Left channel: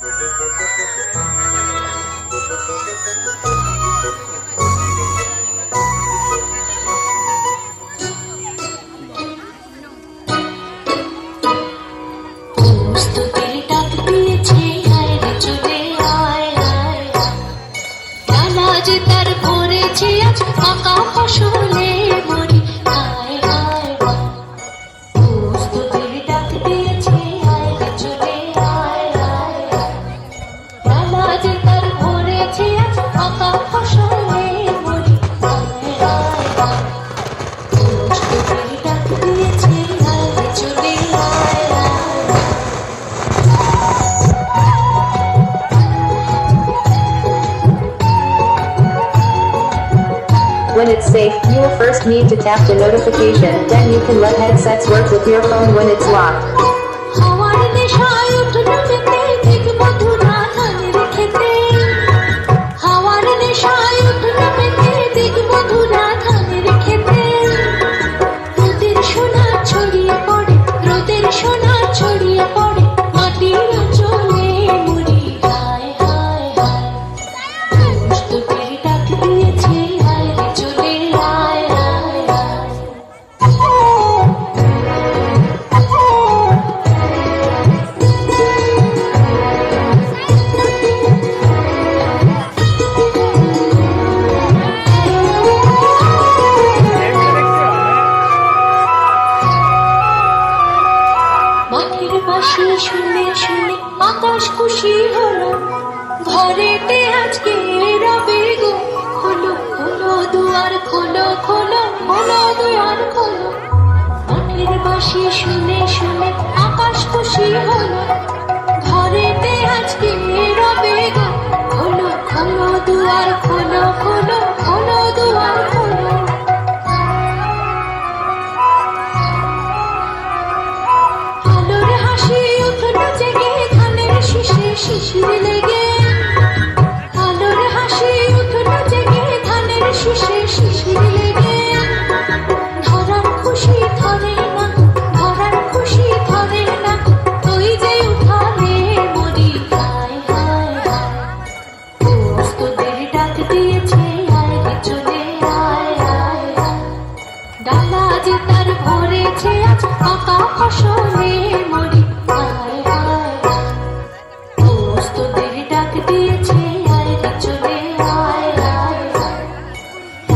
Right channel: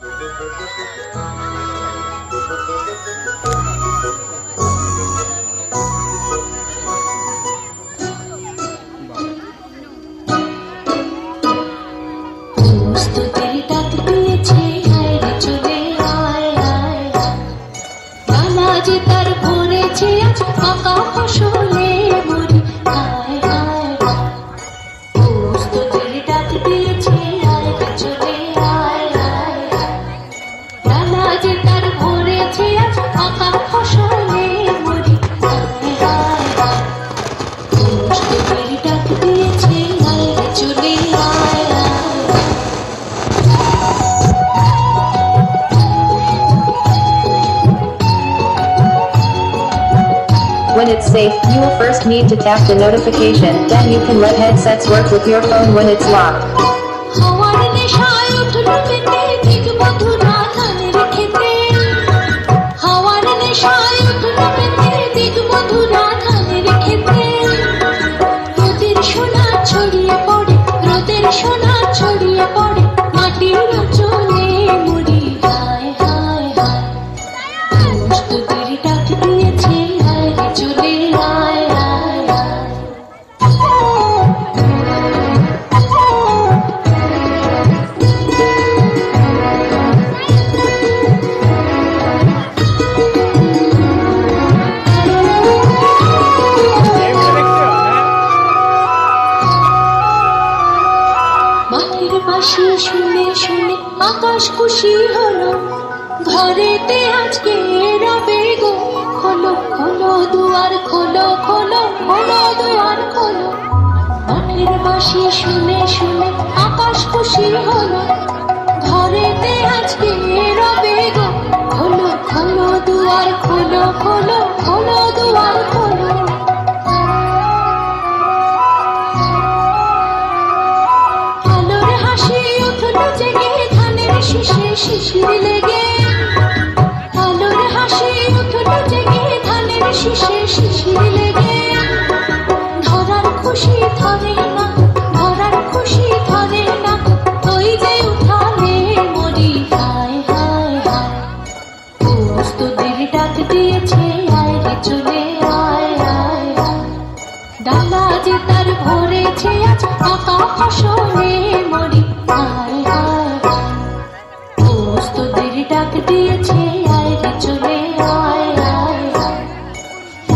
When it's safe, you will first need to tap the notification, then you can let headsets work with your phone when it's locked. শুনে শুনে আকাশ খুশি হলো, ঘরেতে আজকে রবে গো। খোলো খোলো দুয়ার খোলো, খোলো খোলো দুয়ার খোলো। মাঠের বাঁশি শুনে শুনে আকাশ খুশি হলো, ঘরেতে আজকে রবে গো। খোলো খোলো দুয়ার খোলো, খোলো খোলো দুয়ার খোলো। শিশির লেগে আলোর হাসি উঠল জেগে, ধানের শীষে শিশির লেগে। ধরার খুশি ধরে না, ধরার খুশি ধরে না, ওই যে উঠানে মরি। হায় হায় হায়, তোদের ডাক দিয়েছে, আয় রে চলে আয় আয়। ডালা যে তার ভরেছে আজ পাকা ফসলে।